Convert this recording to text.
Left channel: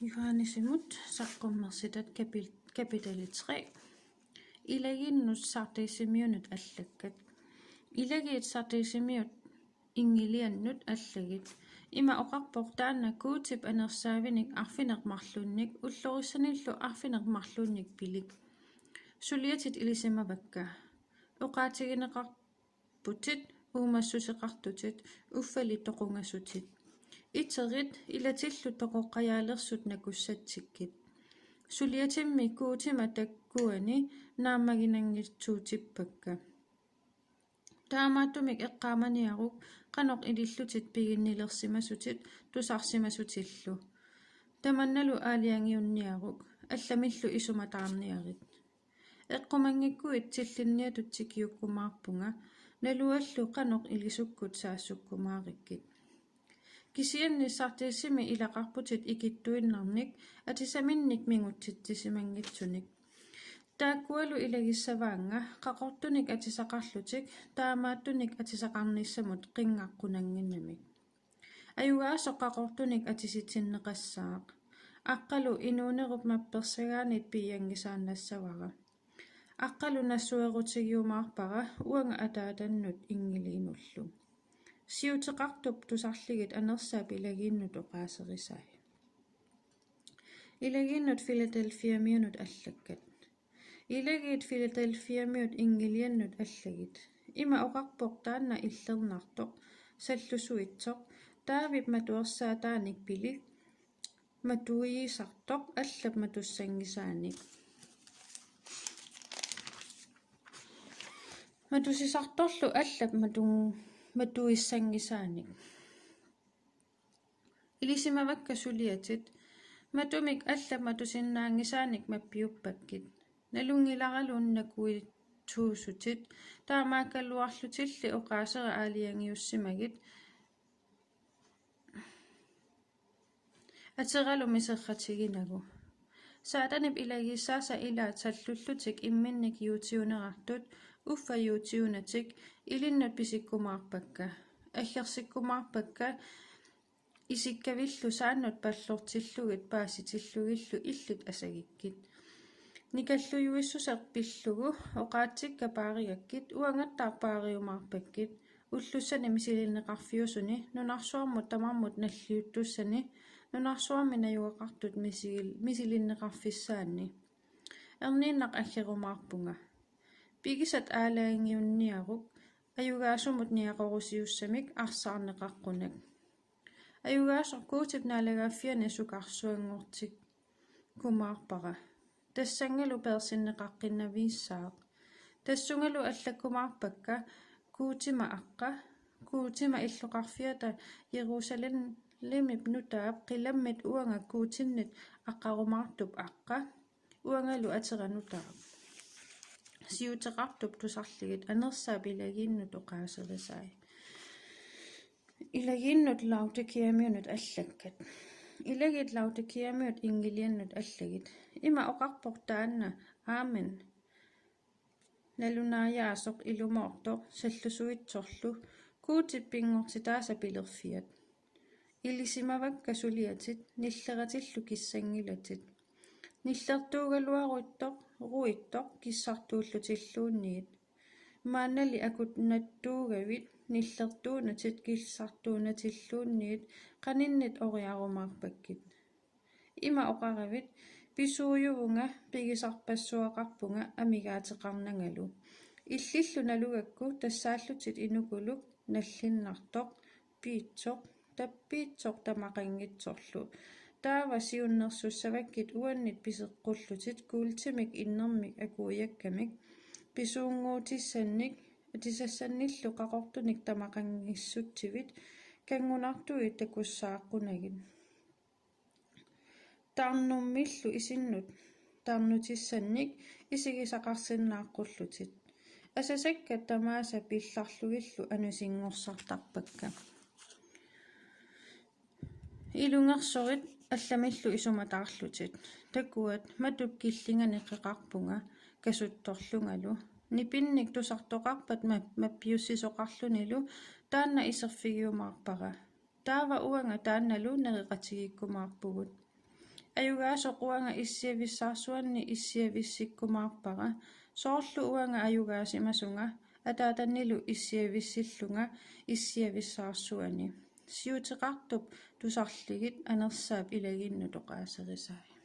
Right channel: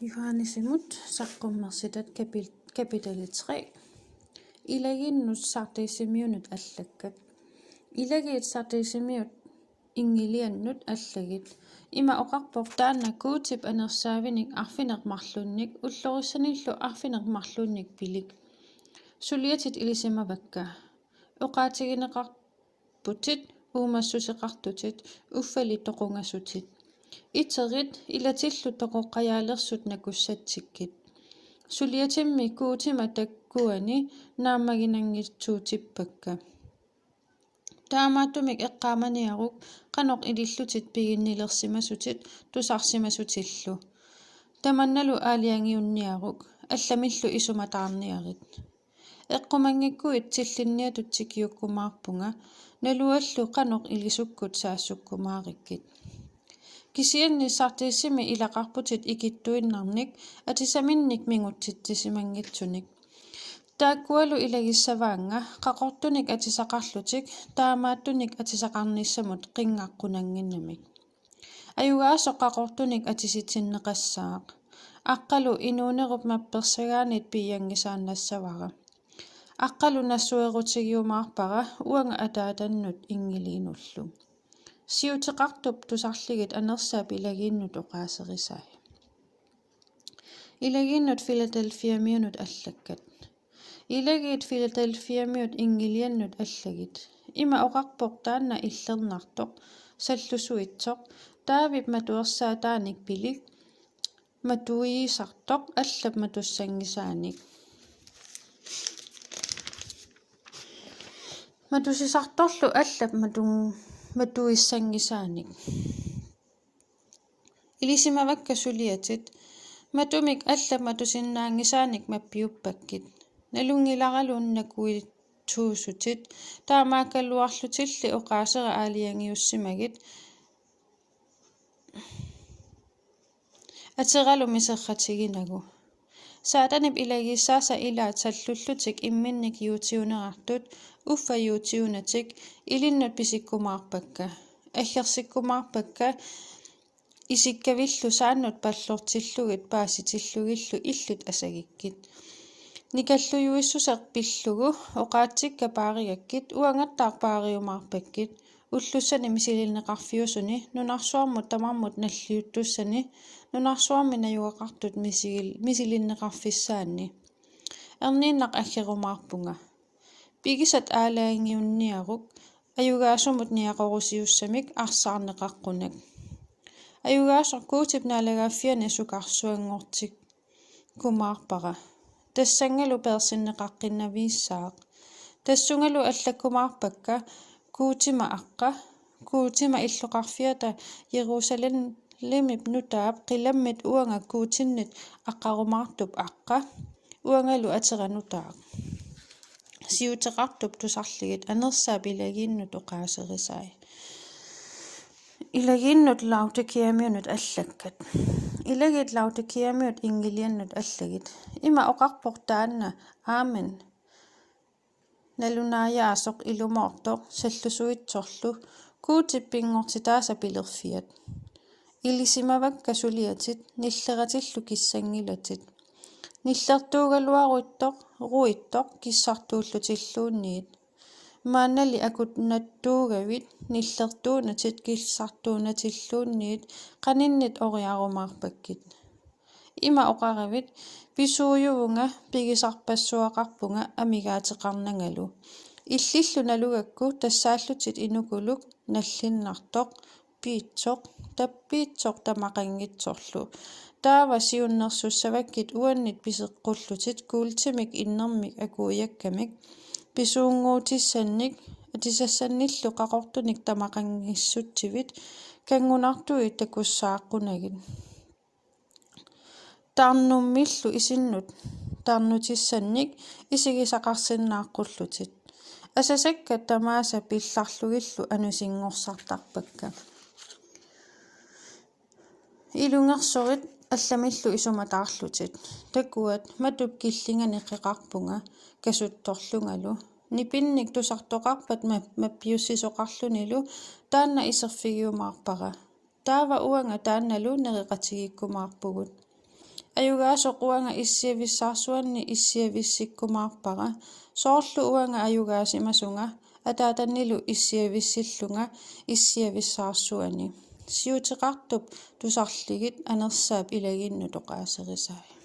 Johannesimut saqqummersitat kapitali 3. Ilaginnut sartiisimiunut allakkat. Ilagiit sartiisimiut ingiliannut allagit. Ima oqarpoq taanna kuutip anersaavinik arfinermarlunnik ullorisanillu arfinermarlunnik pilik. Suliatit ilisimavakka. Oqaatigineqarputit uumassuseqartutit uffali toqungassutit. Iterit ilatillu toqoqqajaalerssut nakussatsikkit. Suliatimmi kuutima takkuani naammaginangitsuutippakka. Taamaattumik eqqaamaniaruk qanoq ilillutit piginnilersimasutit tusarsimasutillu. Tamannalu aaliangiunniaruk allamillu isumataarniarit. Eqqumangikkuit tillinniatutsikkiukkumaarpunga naluallu qanoq ilisukkut saassukkumaarikkit. Kisianni sartiissimi ilaqarputit ikittuinnarnik atisaminnik mingutsitsisimangitsunik. Taakkualu ilagissavaanga qaqortunik atisaqarlutik taamaattunik atisaqarnissamut qingaqqunanginnamik. Ayugaasoq qaqortunik atisitsinneqassaaq. Aqqalu inuunerup mappersagaanit piiyangisaannassavara. Aqqalu nassuerutigiumaarpara uanga ataatannut ingiliinullu. Siuteqartup tusarligit anersaap ilagiinnut oqaaserisai. Ilagiinnut Philadelphiamiunut allakkat. Ilagiit Philadelphiamiut ingiliannut allagit. Ima oqarpoq taanna illernaartoq sallusuitsoq taavip matuersaataanik pilik matuiisartoq allap matussangisaanik. Matusisartorlu allap matuissangisaanik. Ilisimavakka suliatit matumik allap matusinnaangisaanik mappiuppakkit. Nalungilaraluunnakuit tuusutit taamaakalluarlutilli oqaasera aaliangiussimagit ateralu miserratiginagu. Saatanip ilagissaasa ilaat sallullutik imminnik yuutiunerartut uffa yuutiunatik ilinnut pisikkumaarpakka. Allersikkumaarpakka isikkavillu saannut pallortillugit paasitillugillu illut asagikkit. Nikallujuissuseq pillugu oqaatsikka paarigakkit uangattaarpaariumaarpakkit ullussani misilinneqarfiusuni nunarsuarmut tamarmut nalliuttussani nunarsuarmi najugaqartut misilinneqarfissaanni. Erniinnaq aggerumaarpunga. Pigisat aalaangiunniaruk ajugaasumut niaqorusiussamik arsaarneqaqqunak. Ajugaasoq kuutip naalagaaffiani sukarsuangortik kumaarpara. Tassangalu persinneqaqqinnaviissaaq. Tassungalu allakkumaarpakka kuutima aqqa kuutima illuqarfiata Jerusalemip nutaap qilammit uanga kuutinnit aqqarumaartup aqqa uangalu ateranutaaq. Siuteqartup tusarligit anersaap ilagiinnut oqaaserisai. Ilagiinnut Laodikiamiunut allakkat. Ilagiit Laodikiamiut ingiliannut allagit. Ima oqarpoq taanna aamen nalunaajaarsoq ilumoortoq sallusuitsorlu kuutip pingortitaasa pilerfiat. Ilisimavakka suliatit nilleratillu kissangilatit. Nillertuugaluaruittoq ruittoq kissartuullutilluunniit. Maannali akut nattuugavit nillertuunatit kissartuunatilluunniit qaninnit oriarumaarpakkit. Ima oqaravit pisuujuvunga pigisarpassuaqarpunga amigaateqarnangalu. Illillu nalugakku tassaallutit inukuluk nallinnartoq piitsoq tappiitsoq tamaqangitsorlu. Taava siunnersussavakkit uannit piseqqullutit kuultimik innermik akuuyakkamik pisuunguutissannik atisassannillu qaqortunik tamaqangissutsivit kangunartui takussaaqqunagit. Tarnummillu isinnut tarnutissannik isigisaqarsinnaaqqullutit. Asasakka tamaasa pillarlugillu anusinngorsaartarpakka. Ilungersurit allamillu isumataarlutit. Takuat matup killingani qeqarpunga kasuttorlungalu. Nipinnik tusartoqarpat mappiussisoqarlunilu taanna iserfigiumaarpara. Taava uanga taannalu nereqatigikkumaarpugut. Ayugaasa quanga issiavissarsuanni issiavissikkumaarpara soorlu uanga ayugaasimasunga ataatannilu issiavissillunga issiavissarsuani siuteqartup tusarligit anersaap ilaginnu toqaaserisai.